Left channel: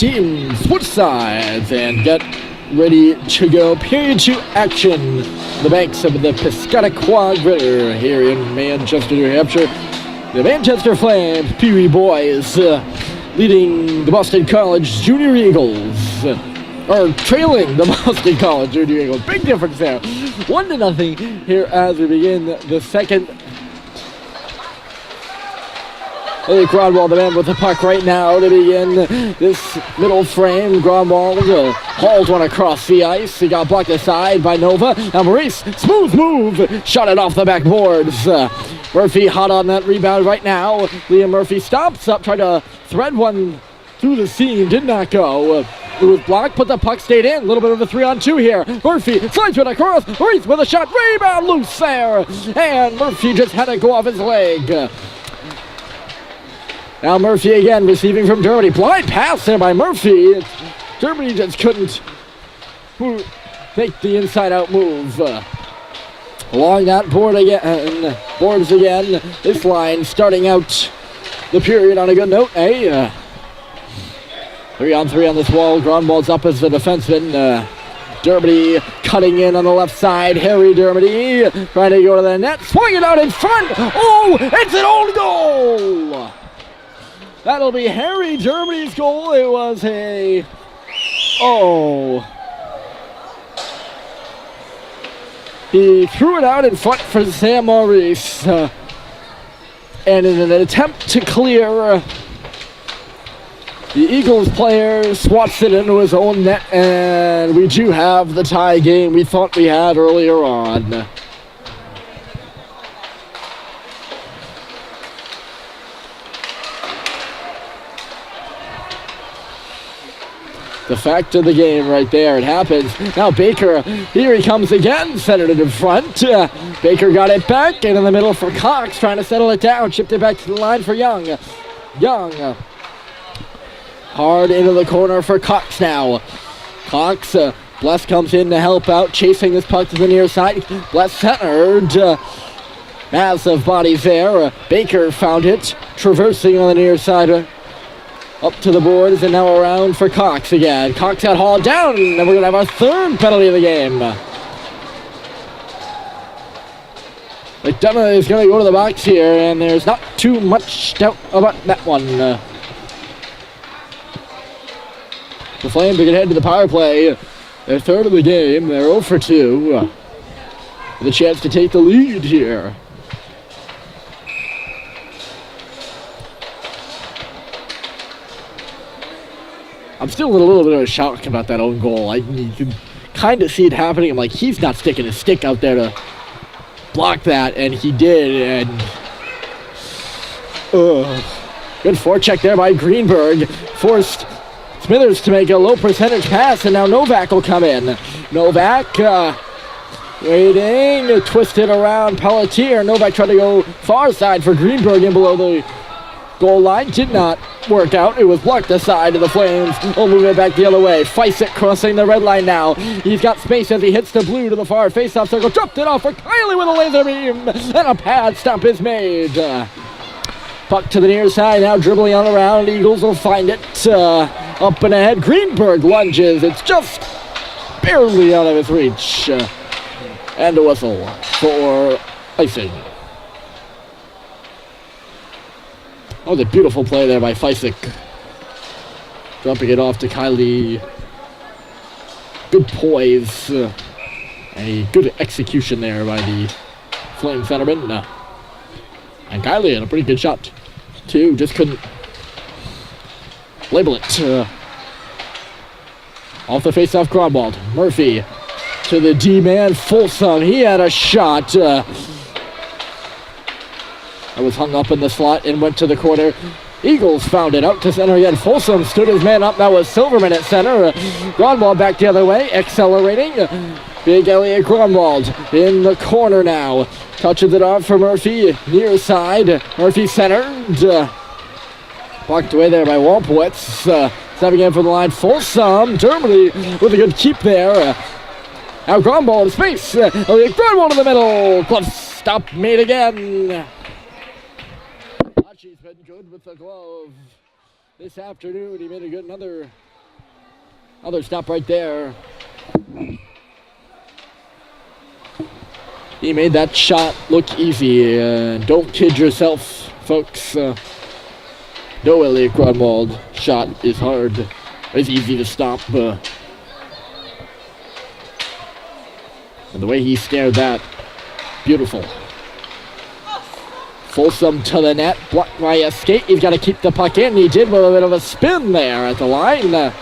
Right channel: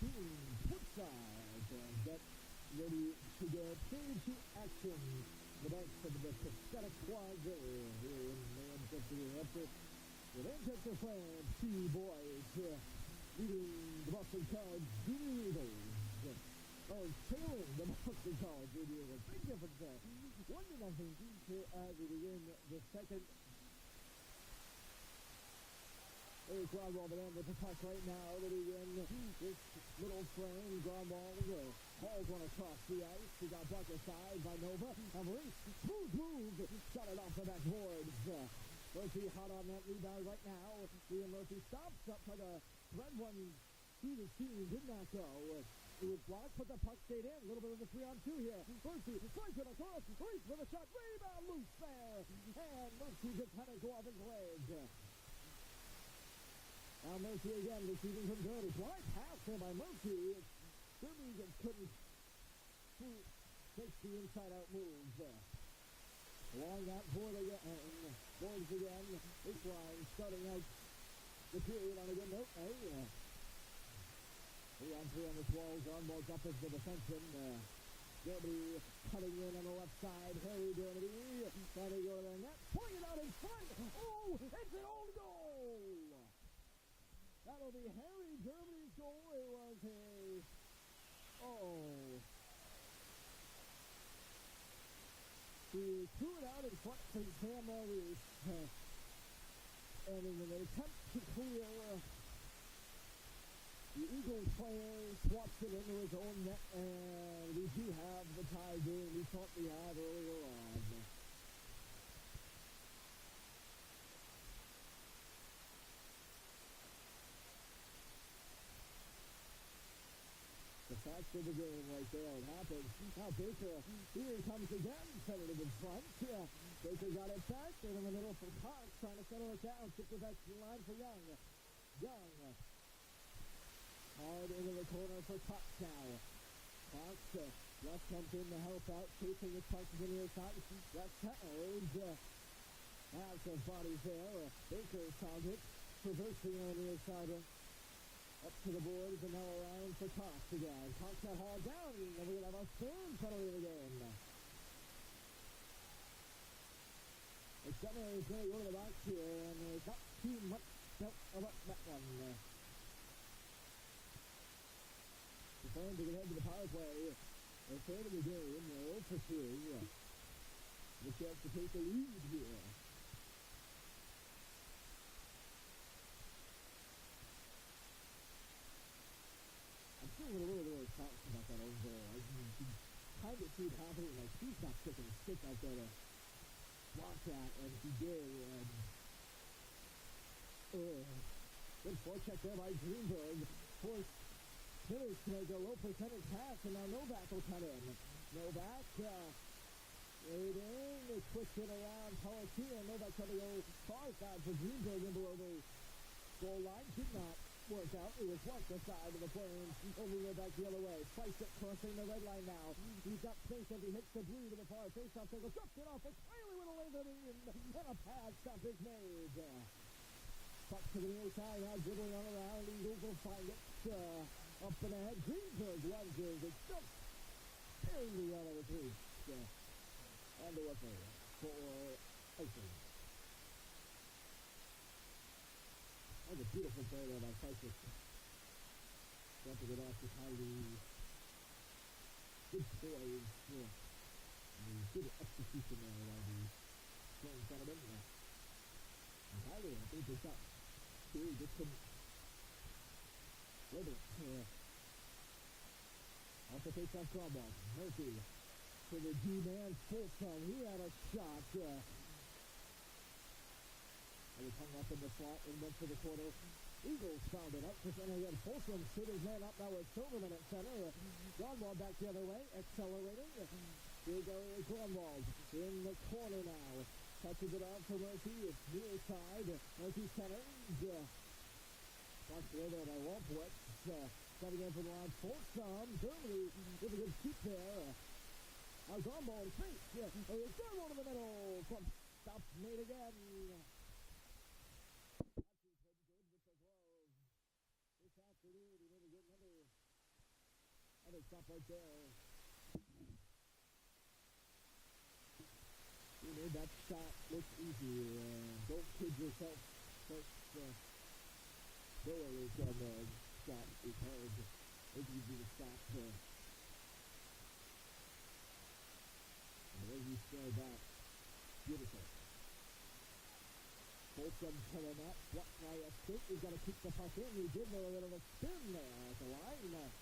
teams switch sides and get ready to go. Period 2 action. The banks of the Piscataqua River here in Manchester, New Hampshire. The Manchester Flames, PeeWee boys, leading the Boston College Junior Eagles. Or trailing the Boston College Junior Eagles. Big difference there. 1-0 here as we begin the second. Grunwald, the man with the puck right now to begin this middle frame. Grunwald hauls one across the ice. He got blocked aside by Nova. Now Maurice, smooth move, shot it off the backboards. Murphy hot on that rebound right now. Liam Murphy stops up, tried to thread one through the seam, did not go. It was blocked, but the puck stayed in. A little bit of a 3-on-2 here. Murphy slides it across. Maurice with a shot, rebound loose there. And Murphy just had to go off his leg. Now Murphy again receiving from Dermody. Blind pass there by Murphy. Dermody just couldn't make the inside-out move. Along that boards again. This line starting out the period on a good note. 3-on-3 on this wall. Grunwald's up as the defenseman. Dermody cutting in on the left side. Harry Dermody trying to go to the net. Swing it out in front. Oh, it's an own goal. That'll be Harry Dermody's goal. It was a... Oh. He threw it out in front for Sam Maurice. And in an attempt to clear, the Eagles player swats it into his own net, and we do have the tie game we thought we had earlier on. The fact of the game right there, it happens. Now Baker, here he comes again, centered it in front. Baker got it back, and in the middle for Cox, trying to settle it down, chipped it back to the line for Young. Hard into the corner for Cox now. Cox, Bless comes in to help out, chasing this puck to the near side. Bless centered. Massive bodies there. Baker found it, traversing on the near side. Up to the boards and now around for Cox again. Cox got hauled down, and we're going to have our third penalty of the game. McDonough is going to go to the box here, and there's not too much doubt about that one. The Flames are going to head to the power play. Their third of the game. They're 0 for 2. With a chance to take the lead here. I'm still in a little bit of a shock about that own goal. You can kind of see it happening. I'm like, he's not sticking his stick out there to block that, and he did. And good forecheck there by Greenberg. Forced Smithers to make a low percentage pass, and now Novak will come in. Novak waiting, twisted around Pelletier. Novak tried to go far side for Greenberg in below the goal line. Did not work out. It was blocked aside to the Flames. We'll move it back the other way. Feisik crossing the red line now. He's got space as he hits the blue to the far face-off circle. Dropped it off for Kiley with a laser beam. And a pad stop is made. Puck to the near side. Now dribbling on around. Eagles will find it. Up and ahead. Greenberg lunges. It's just barely out of his reach. And a whistle for icing. Oh, the beautiful play there by Feisik. Dropping it off to Kiley. Good poise. And a good execution there by the Flame centerman. And Kiley had a pretty good shot, too. Just couldn't label it. Off the face-off, Grunwald. Murphy to the D-man, Folsom. He had a shot. That was hung up in the slot and went to the corner. Eagles found it out to center again. Folsom stood his man up. That was Silverman at center. Grunwald back the other way, accelerating. Big Elliot Grunwald in the corner now. Touches it off for Murphy, near side. Murphy centered. Blocked away there by Wampowitz. Stepping in for the line, Folsom. Dermody with a good keep there. Now Grunwald in space. Elliot Grunwald in the middle. Glove stop made again. He's been good with the glove this afternoon. He made another Another stop right there. He made that shot look easy. Don't kid yourself, folks. No Elliot Grunwald shot is hard. It's easy to stop. And the way he snared that, beautiful. Folsom to the net, blocked by a skate. He's got to keep the puck in. He did with a bit of a spin there at the line.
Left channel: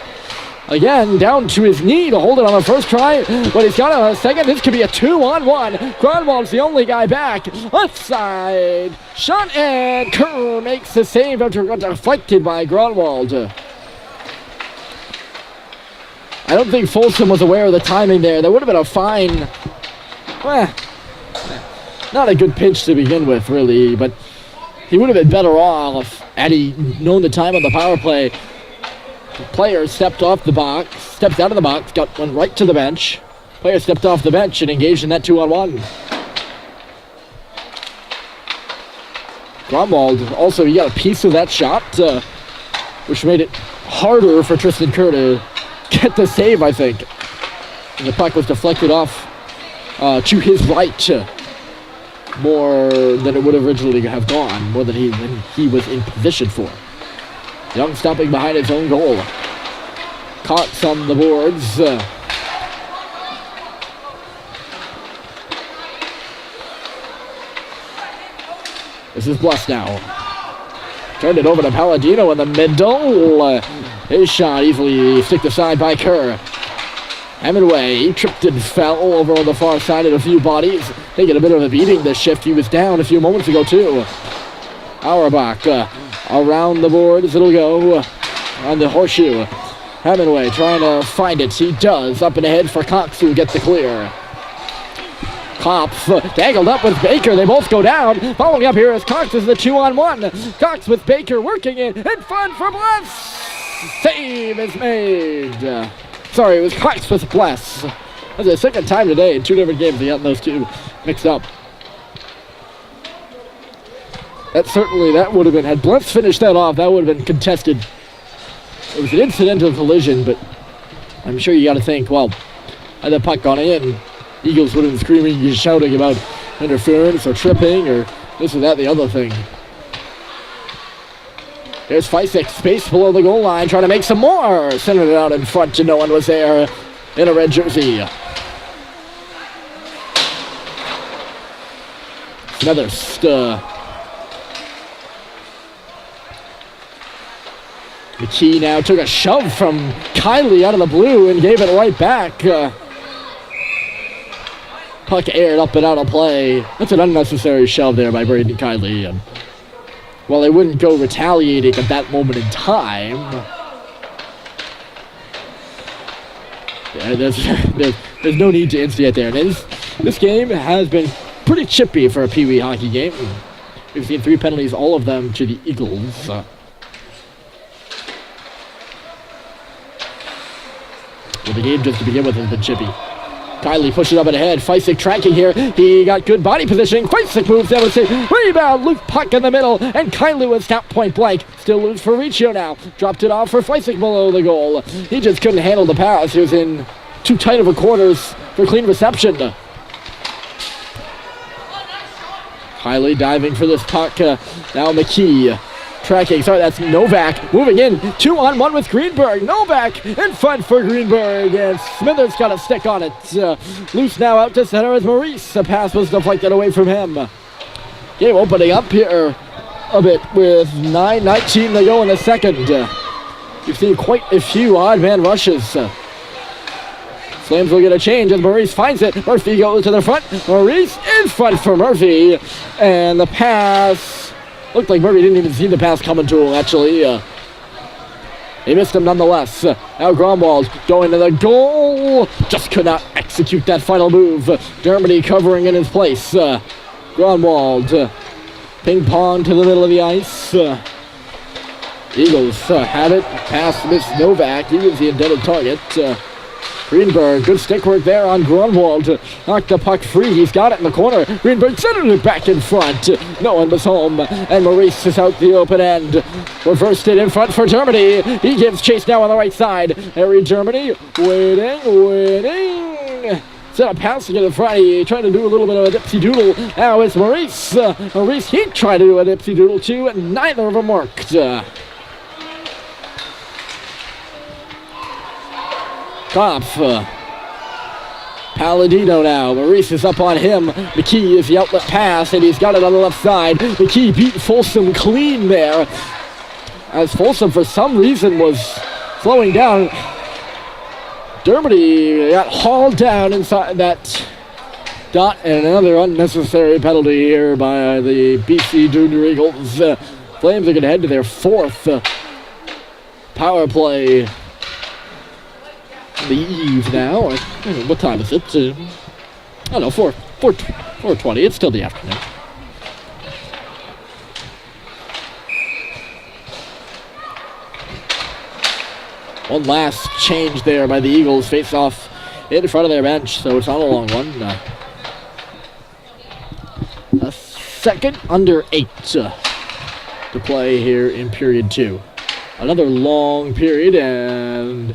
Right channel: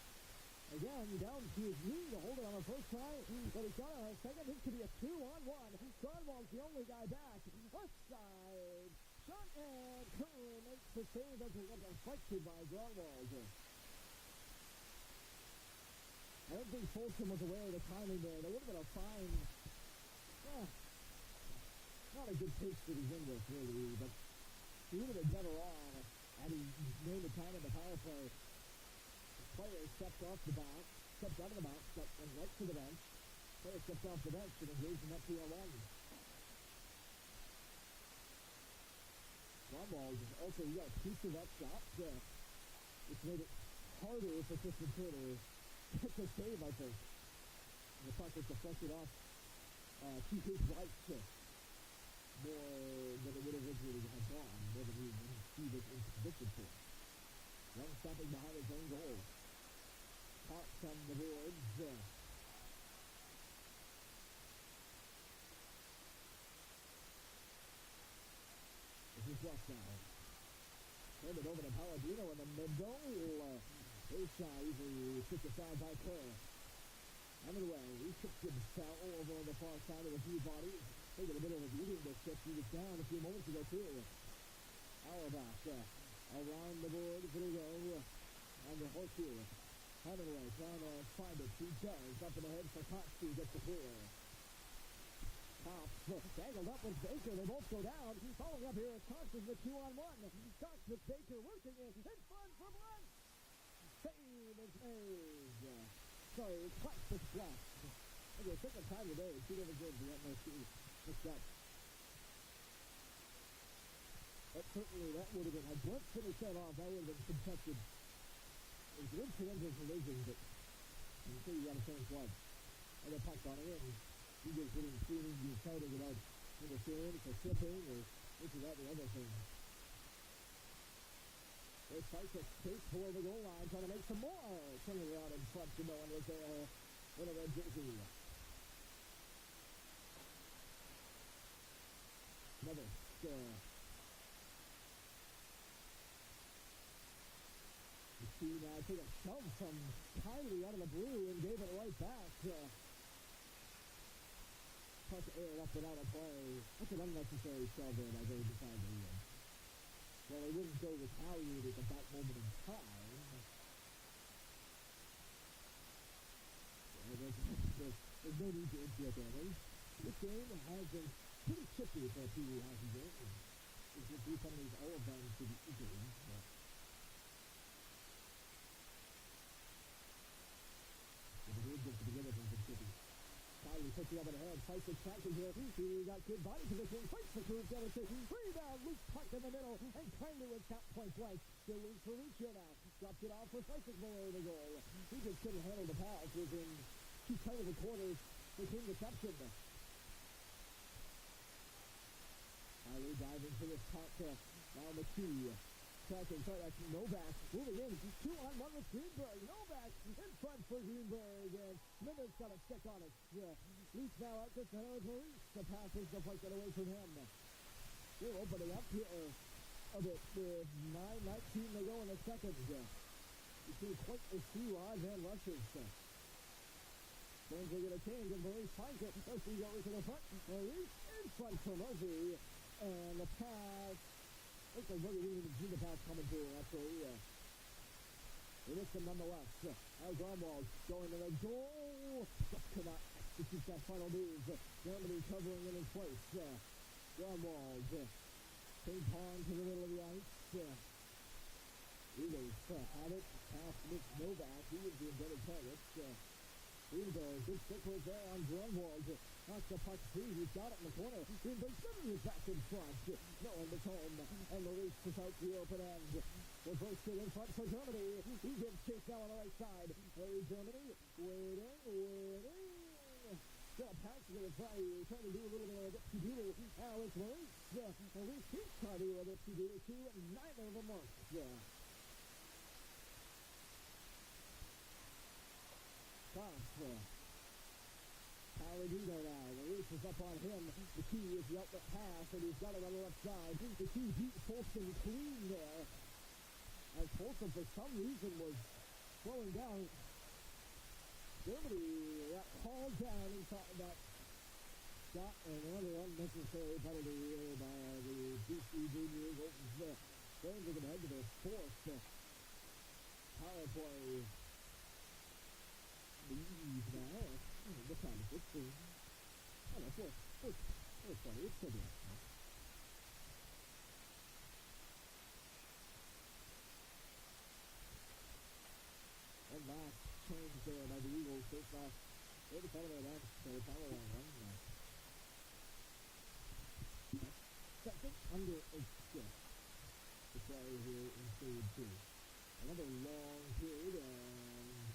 Again, down to his knee to hold it on the first try, but he's got it on a second. This could be a 2-on-1. Grunwald's the only guy back. Left side, shot, and Kerr makes the save after it got deflected by Grunwald. I don't think Folsom was aware of the timing there. That would have been a fine, not a good pitch to begin with, really, but he would have been better off had he known the time on the power play. The player stepped off the box, stepped out of the box, went right to the bench. Player stepped off the bench and engaged in that 2-on-1. Grunwald, also, he got a piece of that shot, which made it harder for Tristan Kerr to get the save, I think. And the puck was deflected off to his right, more than it would originally have gone, more than he was in position for. Young stopping behind his own goal. Caught on the boards. This is Bless now. Turned it over to Palladino in the middle. His shot easily sticked aside by Kerr. Hemingway, he tripped and fell over on the far side of a few bodies. Taking a bit of a beating this shift. He was down a few moments ago too. Auerbach around the boards, it'll go on the horseshoe. Hemingway trying to find it. He does. Up and ahead for Cox, who gets the clear. Kopf tangled up with Baker. They both go down. Following up here is Cox as the 2-on-1. Cox with Baker working it. In front for Bless. Save is made. Sorry, it was Cox with Bless. That's the second time today in two different games they got those two mixed up. That would have been, had Bless finished that off, that would have been contested. It was an incidental collision, but I'm sure you got to think, well, had the puck gone in, Eagles would have been screaming and shouting about interference or tripping or this or that, the other thing. There's Feisek, space below the goal line, trying to make some more. Centered it out in front, and no one was there in a red jersey. Another McKee now took a shove from Kiley out of the blue and gave it right back. Puck aired up and out of play. That's an unnecessary shove there by Braden Kiley. And while they wouldn't go retaliating at that moment in time, there's no need to instigate there. And this game has been pretty chippy for a PeeWee hockey game. We've seen 3 penalties, all of them to the Eagles. The game just to begin with has been chippy. Kiley pushes up and ahead. Feisek tracking here. He got good body positioning. Feisek moves down and saves. Rebound. Loose puck in the middle. And Kiley was stopped point blank. Still loose for Riccio now. Dropped it off for Feisek below the goal. He just couldn't handle the pass. He was in too tight of a quarters for clean reception. Kiley diving for this puck. Now McKee. Tracking, sorry, that's Novak moving in, 2-on-1 with Greenberg. Novak in front for Greenberg, and Smithers got a stick on it. Loose now out to center as Maurice. The pass was deflected away from him. Game opening up here a bit with 9:19 to go in the second. You've seen quite a few odd man rushes. Flames will get a change as Maurice finds it. Murphy goes to the front. Maurice in front for Murphy, and the pass. Looked like Murphy didn't even see the pass coming to him, actually. He missed him nonetheless. Now Grunwald going to the goal. Just could not execute that final move. Dermody covering in his place. Grunwald. Ping pong to the middle of the ice. Eagles have it. Pass missed Novak. He was the intended target. Greenberg, good stick work there on Grunwald to knock the puck free. He's got it in the corner. Greenberg centered it back in front. No one was home. And Maurice is out the open end. Reversed it in front for Germany. He gives chase now on the right side. Harry Germany waiting. Instead of passing it in front, he tried to do a little bit of a dipsy-doodle. Now it's Maurice. Maurice, he tried to do a dipsy-doodle too, and neither of them worked. Kopf. Palladino now. Maurice is up on him. McKee is the outlet pass, and he's got it on the left side. McKee beat Folsom clean there, as Folsom for some reason was slowing down. Dermody got hauled down inside that dot, and another unnecessary penalty here by the BC Junior Eagles. Flames are going to head to their fourth power play. The eve now. What time is it? I don't know, 4:20. It's still the afternoon. One last change there by the Eagles. Face off in front of their bench, so it's not a long one. A second under 8 to play here in period 2. Another long period, and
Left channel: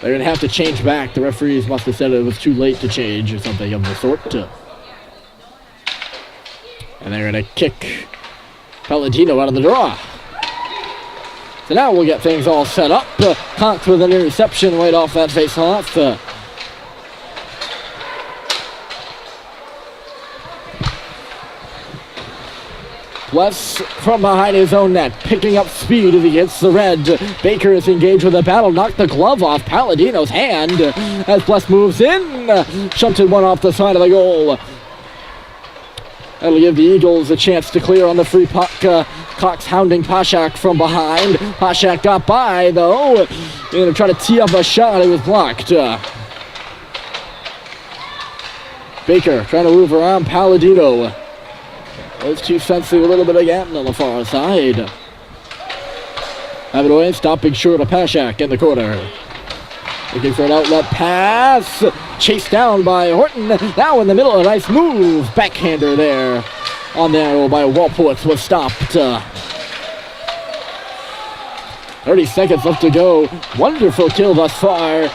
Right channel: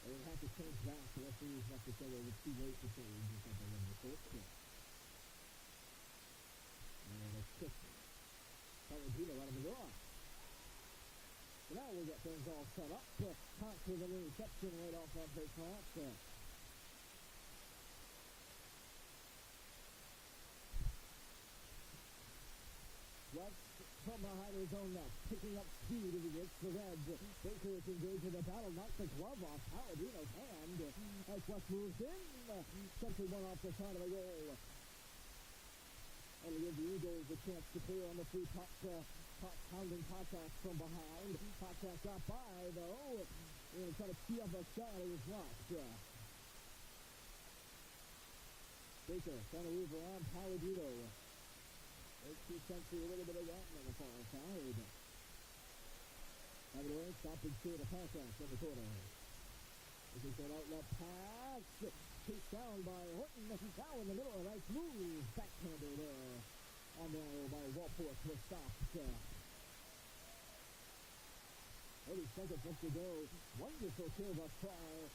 they're going to have to change back. The referees must have said it was too late to change or something of the sort. And they're going to kick Palladino out of the draw. So now we'll get things all set up. Cox with an interception right off that face-off. Wes from behind his own net, picking up speed as he hits the red. Baker is engaged with a battle, knocked the glove off Palladino's hand as Bless moves in. Shunted one off the side of the goal. That'll give the Eagles a chance to clear on the free puck. Cox hounding Pashak from behind. Pashak got by, though. Going to try to tee up a shot. It was blocked. Baker trying to move around Palladino. Those two sensing a little bit again on the far side. Have it away, stopping short of Pashak in the corner. Looking for an outlet pass. Chased down by Horton. Now in the middle, a nice move. Backhander there. On the arrow by Walpowitz was stopped. 30 seconds left to go. Wonderful kill thus far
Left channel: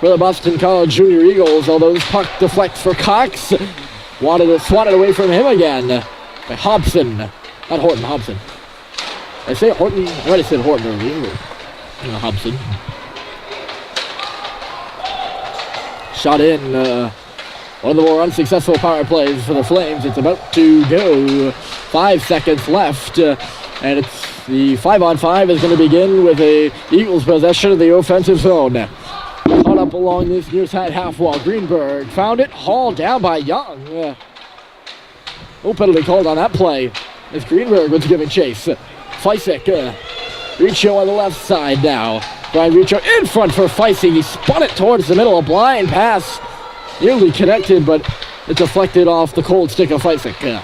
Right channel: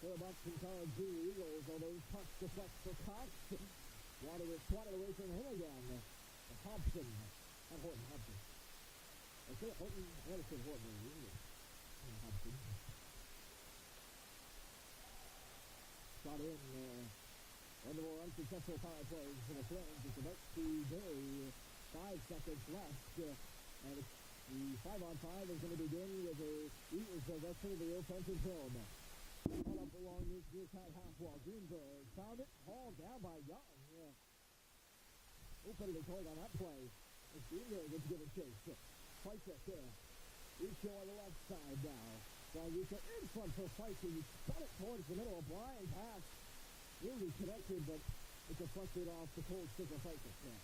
for the Boston College Junior Eagles. Although this puck deflects for Cox. Wanted to swat it away from him again. By Hobson. Not Horton, Hobson. I say Horton. I might have said Horton earlier. Hobson. Shot in. One of the more unsuccessful power plays for the Flames. It's about to go. 5 seconds left. And it's the 5-on-5 is going to begin with a Eagles possession of the offensive zone. Caught up along this near side half wall. Greenberg found it. Hauled down by Young. No penalty called on that play as Greenberg was giving chase. Feisik. Riccio on the left side now. Brian Riccio in front for Feisik. He spun it towards the middle. A blind pass. Nearly connected, but it deflected off the cold stick of Feisik.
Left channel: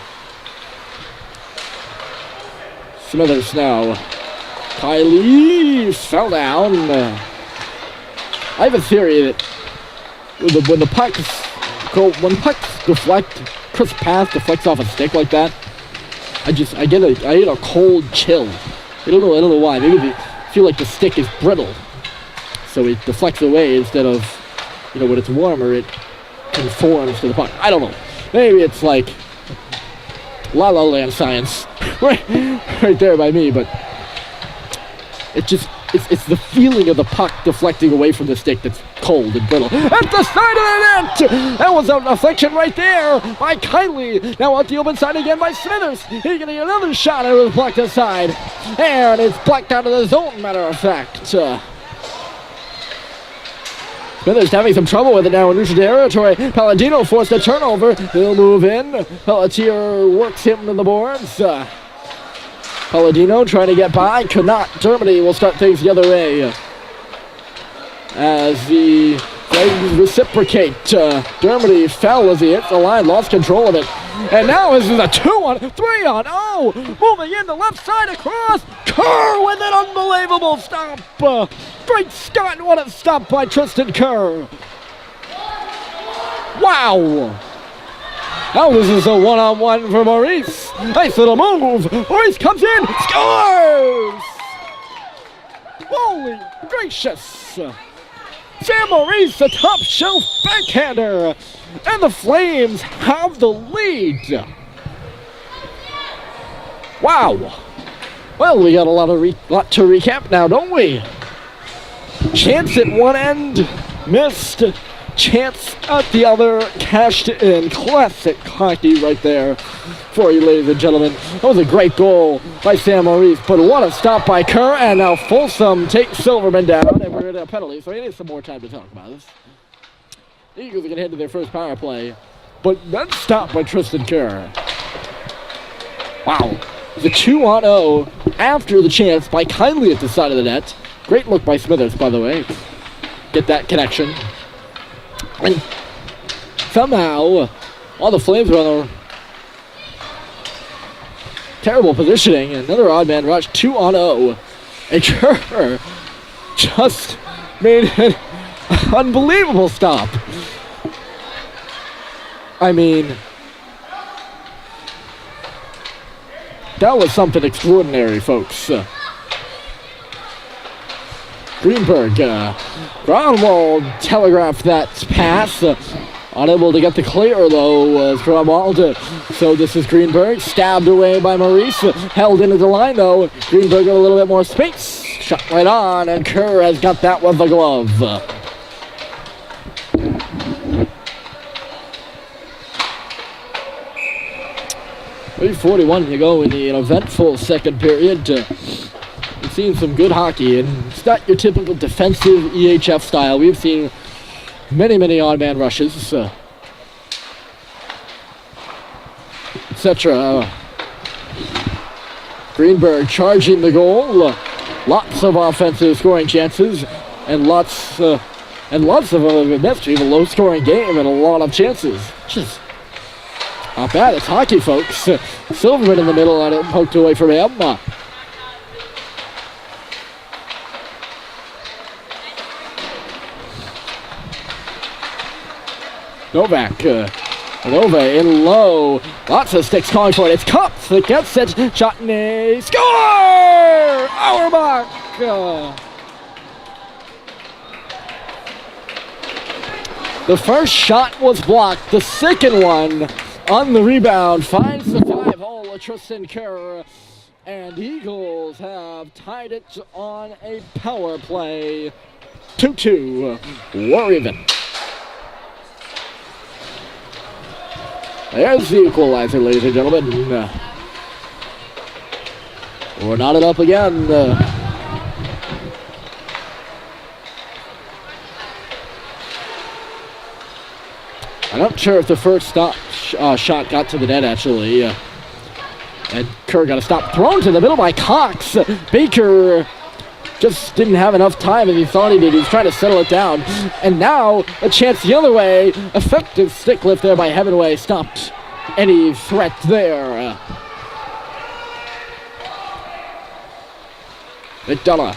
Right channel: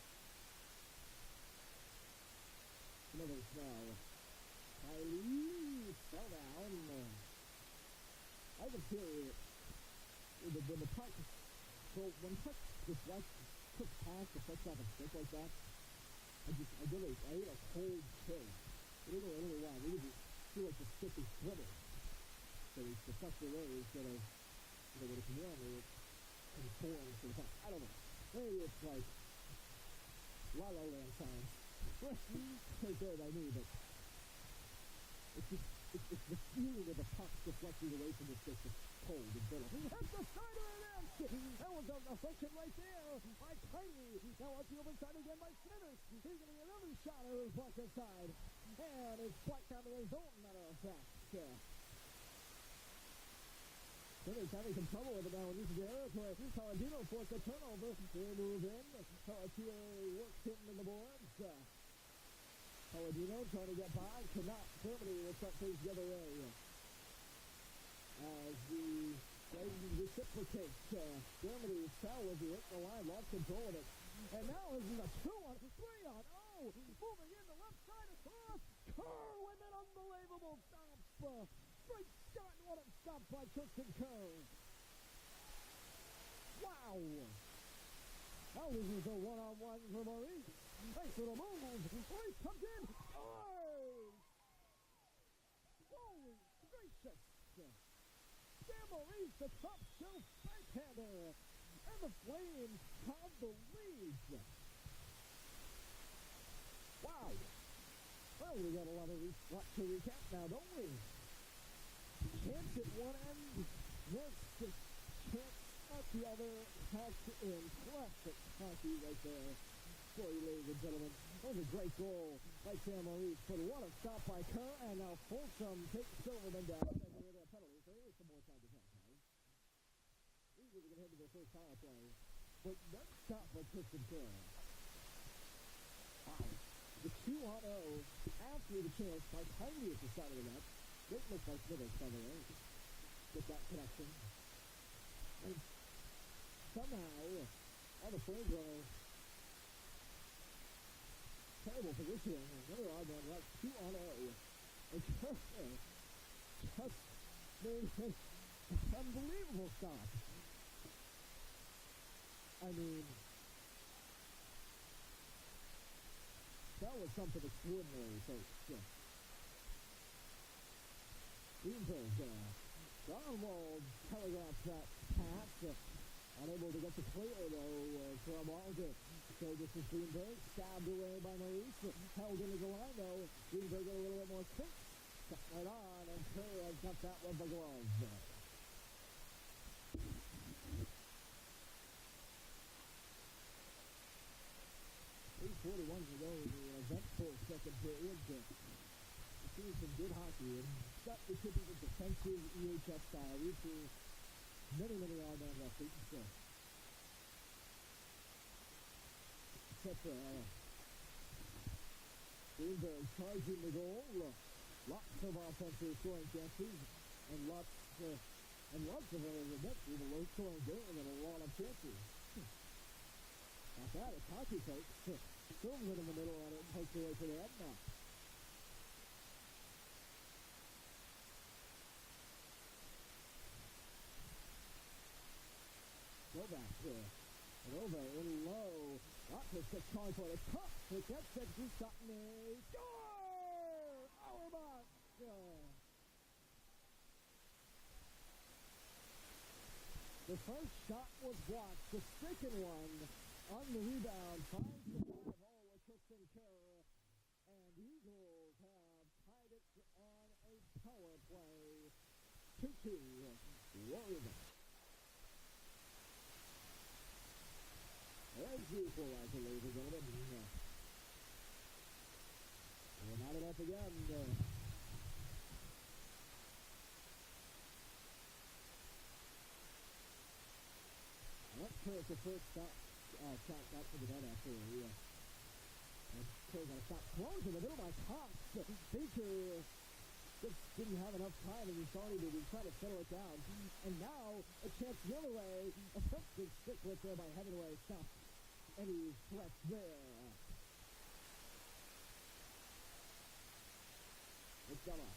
Smithers now. Kylie fell down. I have a theory that when pucks deflect, crisp pass deflects off a stick like that, I get a cold chill. I don't know why. Maybe I feel like the stick is brittle, so it deflects away instead of, when it's warmer, it conforms to the puck. I don't know. Maybe it's like La La Land science right there by me, but it's the feeling of the puck deflecting away from the stick that's cold and brittle. At the side of the net! That was a deflection right there by Kylie. Now out the open side again by Smithers. He's going to get another shot and it was blocked aside. And it's blocked out of the zone, matter of fact. Smithers having some trouble with it now in neutral territory. Palladino forced a turnover. He'll move in. Pelletier works him to the boards. Palladino trying to get by, could not. Germany will start things the other way as the Flames reciprocate. Germany fell as he hit the line, lost control of it. And now this is a 2-on, 3-on-0. Moving in the left side across. Kerr with an unbelievable stop. Great Scott, what a stop by Tristan Kerr. Wow! Now this is a one-on-one for Maurice. Nice little move. Maurice comes in, scores! Holy gracious! Sam Maurice, a top shelf backhander, and the Flames have the lead. Wow! Well, we got a lot to recap now, don't we? Chance at one end, missed. Chance at the other, cashed in. Classic hockey right there for you, ladies and gentlemen. That was a great goal by Sam Maurice, but what a stop by Kerr, and now Folsom takes Silverman down, and we're in a penalty, so we need some more time to talk about this. The Eagles are going to head to their first power play, but that's stopped by Tristan Kerr. Wow. The 2-on-0 after the chance by Kindly at the side of the net. Great look by Smithers, by the way. Get that connection. And somehow, all the Flames are on a terrible positioning. Another odd man rush, 2-on-0. And Kerr just made an unbelievable stop. I mean, that was something extraordinary, folks. Greenberg, Grunwald telegraphed that pass. Unable to get the clear, though, was Grunwald. So this is Greenberg, stabbed away by Maurice. Held into the line, though. Greenberg got a little bit more space. Shot right on, and Kerr has got that with the glove. 3:41 to go in the eventful second period. We've seen some good hockey, and it's not your typical defensive EHF style. We've seen many odd-man rushes, etc. Greenberg charging the goal. Lots of offensive scoring chances, and lots of that's even a low-scoring game and a lot of chances. Just not bad. It's hockey, folks. Silverman in the middle on it, poked away from him. Novak. Nova in low. Lots of sticks calling for it. It's Cups that gets it. Shot in a score! Auerbach! The first shot was blocked. The second one on the rebound finds the 5-hole of Tristan Kerr. And Eagles have tied it on a power play. 2-2. We're even. There's the equalizer, ladies and gentlemen. We're knotted up again. I'm not sure if the first shot got to the net, actually. And Kerr got a stop. Thrown to the middle by Cox. Baker just didn't have enough time as he thought he did. He was trying to settle it down. And now a chance the other way. Effective stick lift there by Heavenway. Stopped any threat there. McDonough.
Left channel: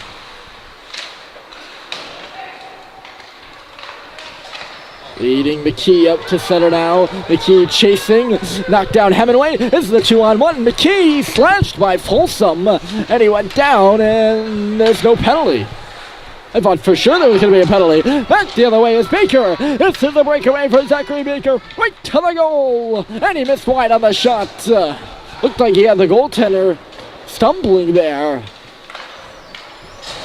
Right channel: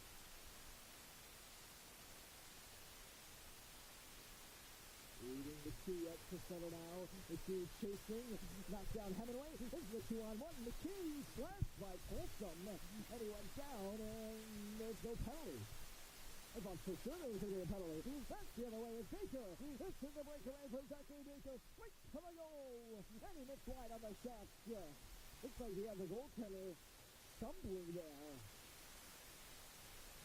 Leading McKee up to center now. McKee chasing. Knocked down Hemingway. This is the 2-on-1. McKee slashed by Folsom. And he went down, and there's no penalty. I thought for sure there was going to be a penalty. Back the other way is Baker. This is the breakaway for Zachary Baker. Right to the goal. And he missed wide on the shot. Looked like he had the goaltender stumbling there.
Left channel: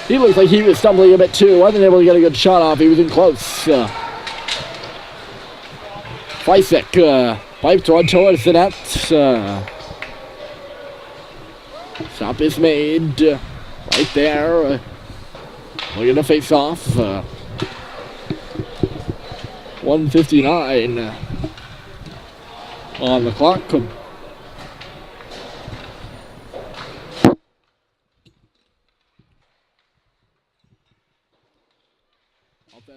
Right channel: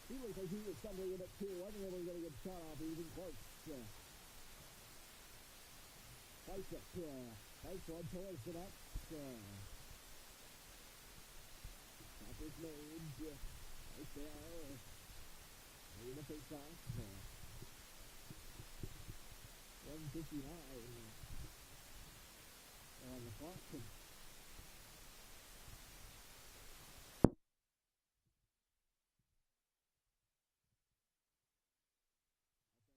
He looked like he was stumbling a bit too. Wasn't able to get a good shot off. He was in close. Fleisig, piped one towards the net. Stop is made right there. Looking to face off. 1:59 on the clock.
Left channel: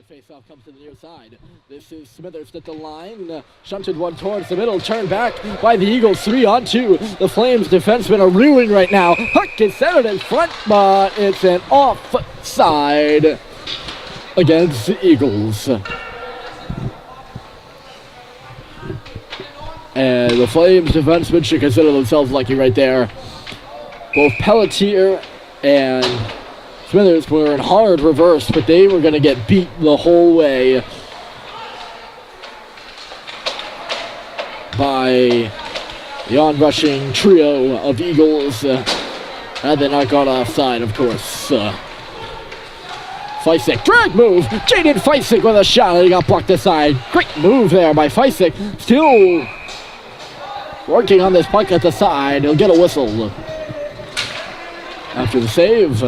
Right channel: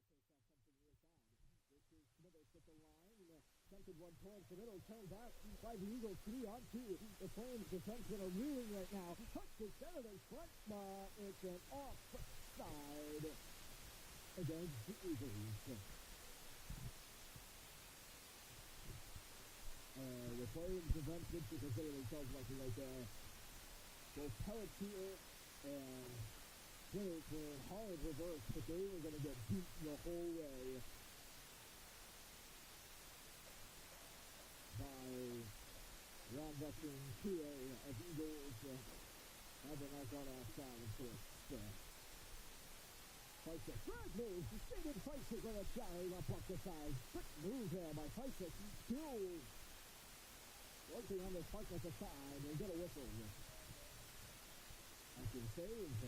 Face-off comes to the near side. This is Smithers at the line. Shunted one towards the middle. Turned back by the Eagles. 3-on-2. The Flames defensemen are reeling right now. Huck is centered in front, but it's an offside against the Eagles. And the Flames defensemen should consider themselves lucky right there. Both Pelletier and Smithers were in hard reverse, but they were going to get beat the whole way by the onrushing trio of Eagles. Had they not gone offside, of course. Feisik, drag move! Jaden Feisik with a shot, and he got blocked aside. Great move there by Feisik. Still working on this puck at the side. He'll get a whistle after the save.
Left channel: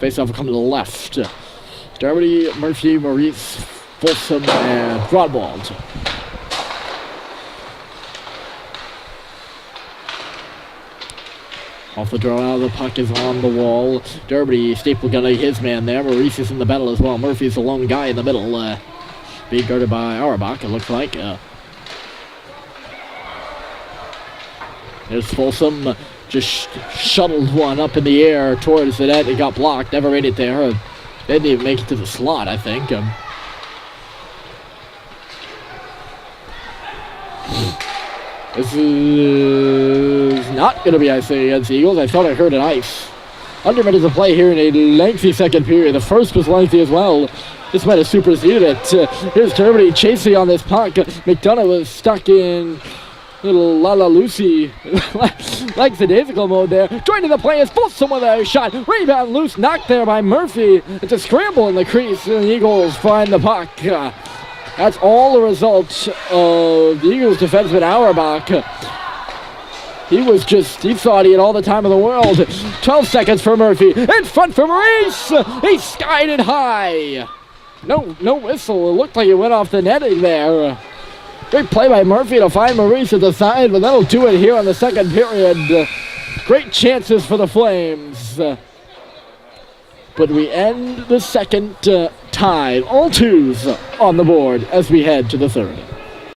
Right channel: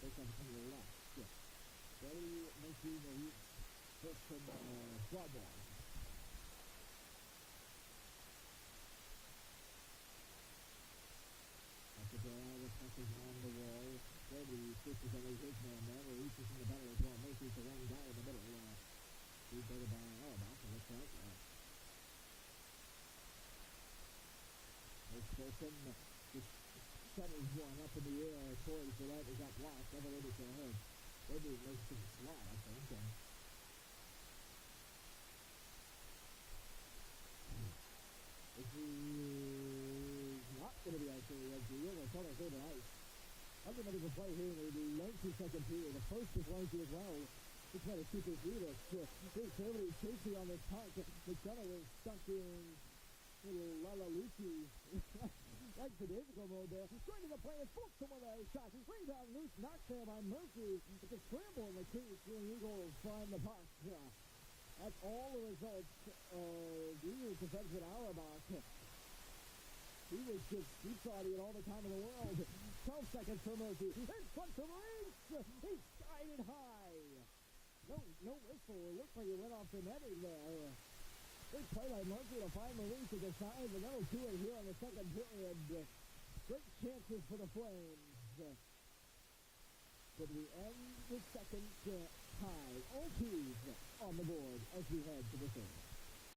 Face-off will come to the left. Dermody, Murphy, Maurice, Folsom, and Broadwald. Off the draw out, the puck is on the wall. Dermody, Staple gonna his man there. Maurice is in the battle as well. Murphy's the lone guy in the middle. Being guarded by Auerbach, it looks like. There's Folsom. Just shuttled one up in the air towards the net. It got blocked. Never made it there. They didn't even make it to the slot, I think. This is not going to be icing against the Eagles. I thought I heard an ice. Under minutes of play here in a lengthy second period. The first was lengthy as well. This might have superseded it. Here's Germany chasing on this puck. McDonough was stuck in little La Lucy, like the daisical mode there. Joining the play is Folsom with a shot. Rebound loose, knocked there by Murphy. It's a scramble in the crease, and the Eagles find the puck. That's all the result of the Eagles defenseman Auerbach. He thought he had all the time in the world. 12 seconds for Murphy. In front for Maurice. He skied it high. No whistle. It looked like it went off the netting there. Great play by Murphy to find Maurice at the side, but that'll do it here on the second period. Great chances for the Flames. But we end the second tied. All twos on the board as we head to the third.